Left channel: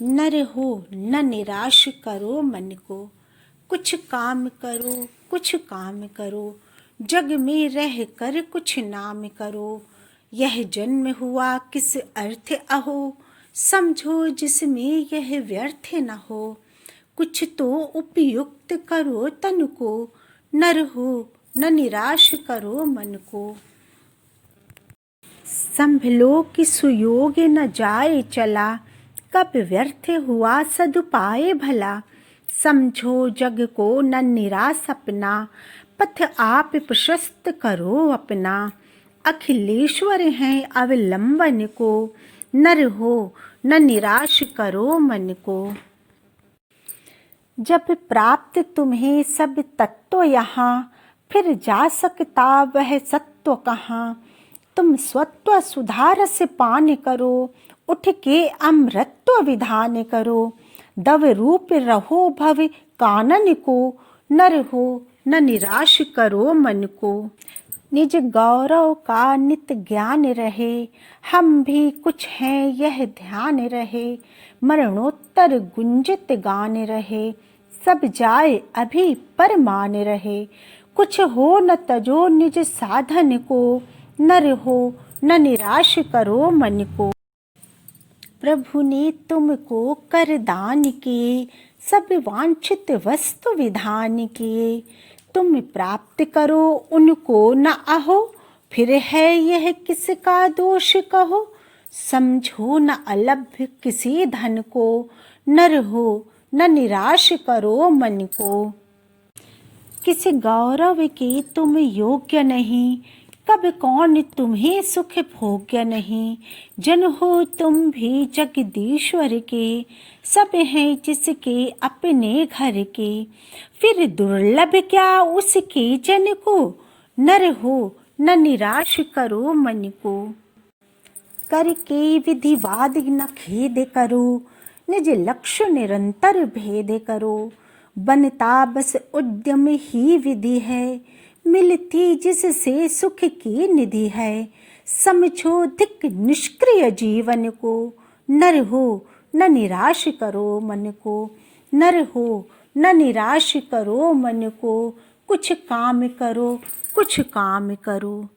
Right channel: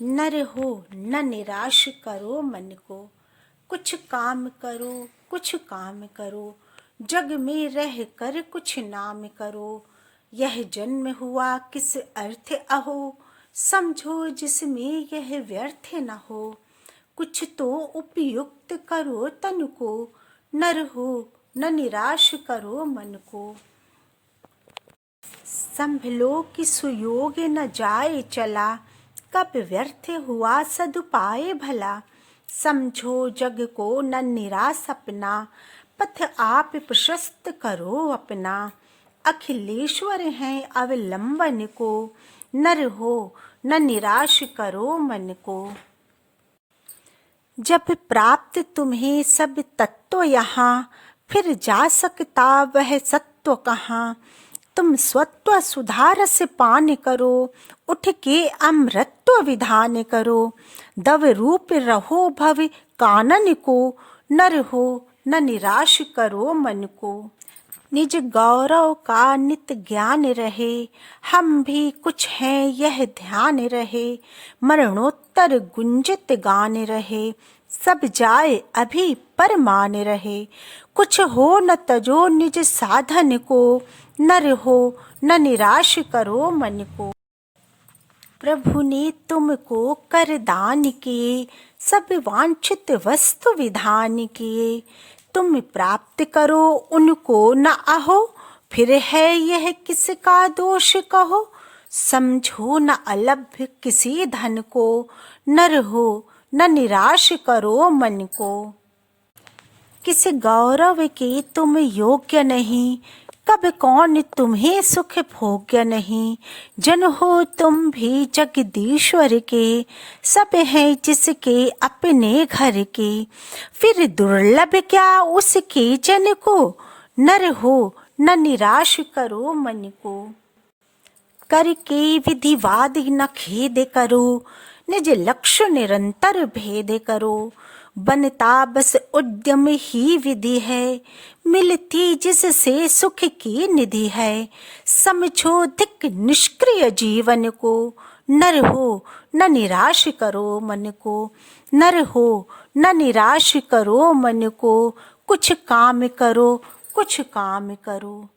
नर हो न निराश करो मन को, कुछ काम करो कुछ काम करो, जग में रह कर कुछ नाम करो। यह जन्म हुआ किस अर्थ अहो, समझो जिसमें यह व्यर्थ न हो। कुछ तो उपयुक्त करो तन को, नर हो न निराश करो मन को। संभलो कि सुयोग न जाए चला, कब व्यर्थ हुआ सदुपाय भला। समझो जग को न निराश अपना, पथ आप प्रशस्त करो अपना। अखिलेश्वर हैं अवलंबन को, नर हो न निराश करो मन को। जब प्राप्त तुम्हें सब तत्व यहाँ, फिर जा सकता वह सत्व कहाँ। तुम स्वत्व सुधारस पान करो, उठ के अमृत्व विधान करो। दव रूप रहो भव कानन को, नर हो न निराश करो मन को। निज गौरव का नित ज्ञान रहे, हम भी कुछ हैं यह ध्यान रहे। मरणोत्तर गुंजित गान रहे, सब जाए अभी पर मान रहे। कुछ हो न तजो निज साधन को, नर हो न निराश करो मन को। प्रभु ने तुमको कर दान किए, सब वांछित वस्तु विधान किए। तुम प्राप्त करो उनको न अहो, फिर है यह किसका दोष कहो। समझो न अलभ्य किसी धन को, नर हो न निराश करो मन को। किस गौरव के तुम योग्य नहीं, कब कौन तुम्हें सुख भोग्य नहीं। जन हो तुम भी जगदीश्वर के, सब हैं जिसके अपने घर के। फिर दुर्लभ क्या उसके जन को, नर हो न निराश करो मन को। करके विधिवाद न खेद करो, निज लक्ष्य निरंतर भेद करो। बनता बस उद्यम ही विधि है, मिलती जिससे सुख की निधि है। समझो धिक निष्क्रिय जीवन को, नर हो न निराश करो मन को। नर हो न निराश करो मन को, कुछ काम करो कुछ काम करो।